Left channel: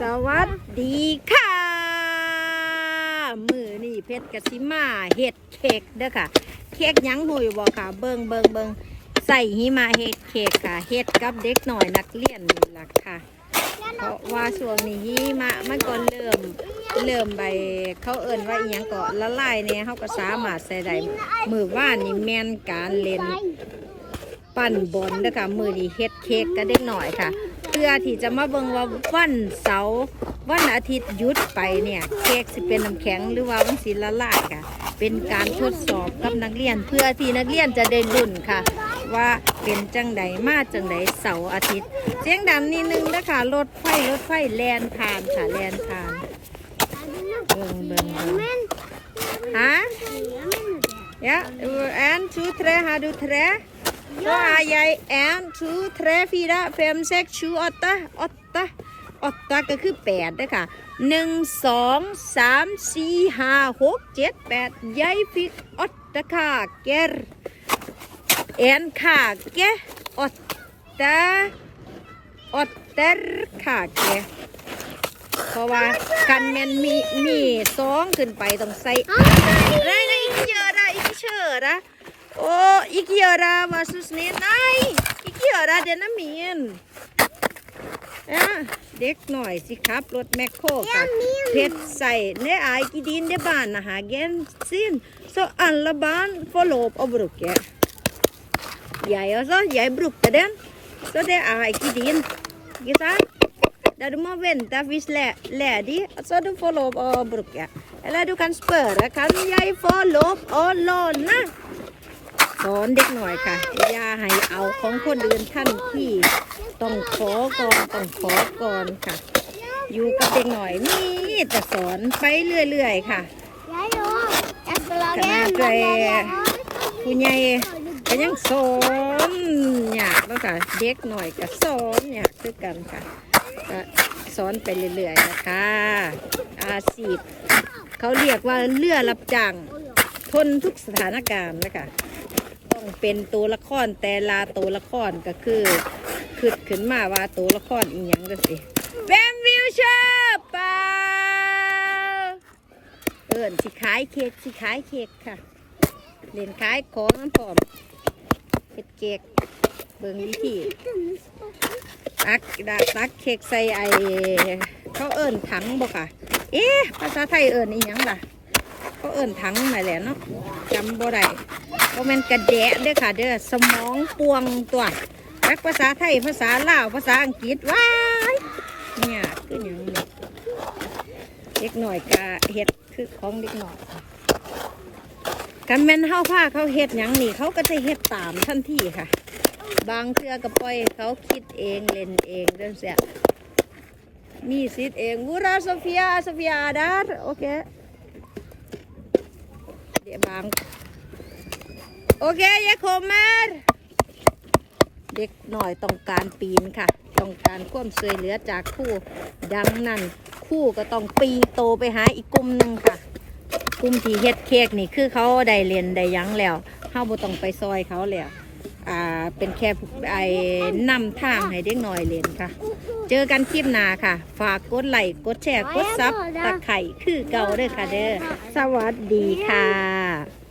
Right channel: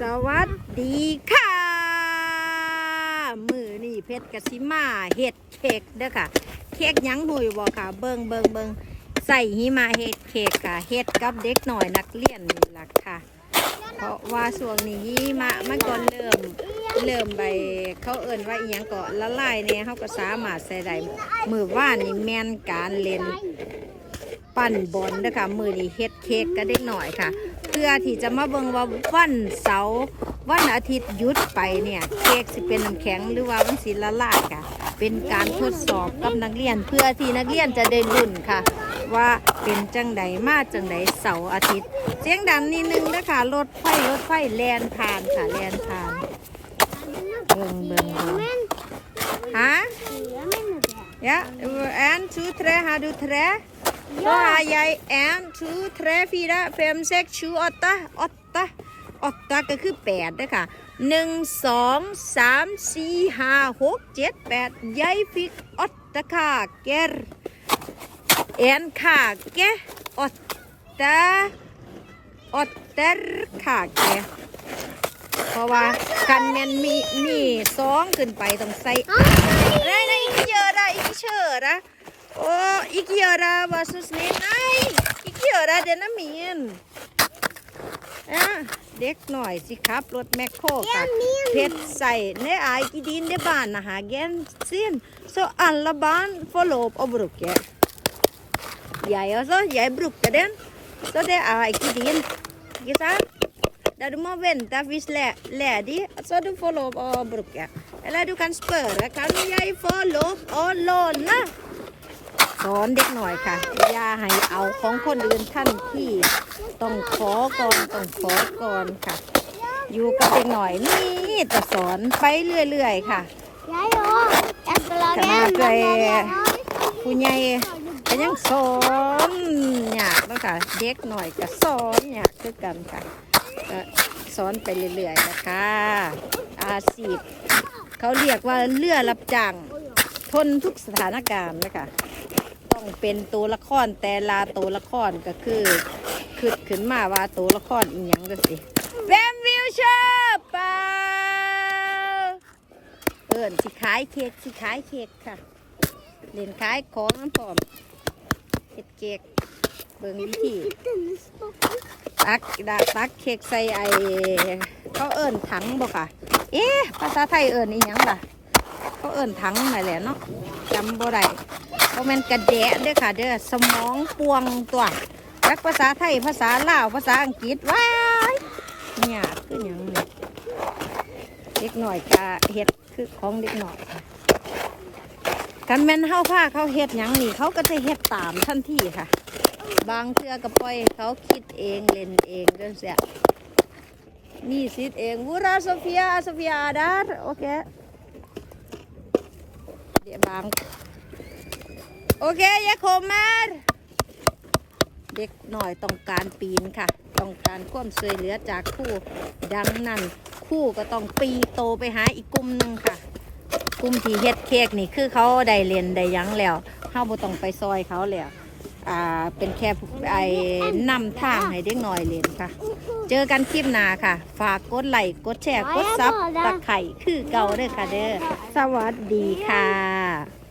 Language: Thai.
สวัสดีค่ะ มือนี่เพชรกสิมาเห็ดเค้กเด้อค่ะ เค้กยังหุยบ่ค่ะ เบิงเบิงเบิงใส่หิมาเห็ดเค้กค่ะเห็ดกับเด็กหน่อยนักเรียนนี่ล่ะค่ะ เพราะว่าช่วงนี้หิมะมันก็เริ่มเริ่มใบเขาเอิ่นว่าอีหยังก็ละลายเนี่ยเขาก็สามารถใส่ได้มือว่านนี่แมนการเล่น ปั่นบอลนะคะมือนี้เฮ็ดเค้กก็เด็กหน่อยค่ะ เพื่อที่จะมาเบิ่งว่าวันเสาร์วันอาทิตย์หยุดไปเนี่ยเค้กสิเป็นน้ำแข็งหรือว่ามันสิละลายค่ะ เป็นการทดสอบกับนักเรียนเพื่อที่นักเรียนจะได้ลุ้นค่ะ ว่าเป็นจังใดมาจังใดเสาร์อาทิตย์ เสียงดังนิดนึงนะคะรถไฟรถไฟแลนผ่านค่ะแลนผ่านเบิ่งเบิ่งเบิ่งฮะ Ja, en, two, tre, har du tre? Så har jeg en, two, tre, fire, fem, seks, sju, åtte. Åtte. Åtte ก็คือแปดด้วยค่ะหนึ่งสองสามสี่ห้าหกเจ็ดแปดยายฟิกอดตะค่ะเกรเอ็นค่ะเกอดตะอดเตอร์ค่ะเกเพราะว่ากันแมนมีมีสองขึ้นไปต้องใส่ Nej, nej, ikke gjør det. Ikke kjøre. Å, ikke gjøre. Vær så snill. Nei, ikke gjøre. Den er min. Ja, เด็กหน่อยสิครับ รถแมคโครค่ะเพชรใส่เนื้อไอกีดินเดบ้านนะฮะเกนซิน så alle barn får lov å bruke. Jeg også, jeg brukte den, så det er ikke din. Ikke sant? Da du må vente hvis le ledig, så du får lov å bruke. Eller du kan spørre, kan jeg få lov å låne? สอนเด็กหน่อยค่ะอย่าให้เอาของคนอื่นท่านที่ต้องขอก่อนต้องขอก่อนค่ะ อยู่กับเด็กหน่อยนี่จะสอนไปเรื่อยๆค่ะขนาเลยผู้ใหญ่ก็ยังสอนอยากแล้วค่ะเด็กหน่อยก็สอนอยากคือกันค่ะก็สอนไปเรื่อยๆนะคะอาชีพเขาเรียกว่าเรือรับจ้างทนทุกสถานการณ์นะคะ ต้องเป็นตัวละครแต่ละตัวละครก็คือคิดขึ้นมาว่าตัวละครอีหยังก็สิแวมวิวเชอร์เปล่าเอินสิขายเค้กสิขายเค้กค่ะเล่นขายของน้ำพร้อมเฮ็ดเค้กเบิ่งวิธีตักดาตักเค้กใส่ไอเขาเอิญถังบ่ค่ะ เอ๊ะภาษาไทยเอิญอีหยังล่ะเขาเอิญถังนั่นแหละเนาะจำบ่ได้ เพราะมันกระแดะเด้อค่ะ เด้อสมองปวงตัวจักภาษาไทยภาษาลาวภาษาอังกฤษว้ายเนี่ยคืออย่างนี้เด็กหน่อยกะเฮ็ดคือของเด็กหน่อยกันแม่นเฮาผ้าเขาเฮ็ดหยังนี่เขาก็จะเฮ็ดตามทันทีค่ะ บางเทือก็ปล่อยเขาคิดเองเล่นเองจังเสียมีสิทธิ์เองวูราโซเฟียโซเฟียอาดาร์โอเคเดี๋ยวบาง โอเคยายโคมมาร์เด็กหน่อยต้องการปีนค่ะ ต้องการความช่วยเหลือจากคู่ดังนั้นคู่ก็ต้องปีโตไปหาอีกกลุ่มหนึ่งค่ะกลุ่มที่เฮ็ดเค้กนี่คือเขาได้เรียนได้ยังแล้วเฮาบ่ต้องไปซอยเขาแล้วอ่าเป็นแค่ไอ้นำทางให้เด็กหน้อยเรียนค่ะ เจอกันคลิปหน้าค่ะ ฝากกดไลค์กดแชร์กดซับตะไคร่คือเก่าเด้อค่ะเด้อสวัสดีค่ะ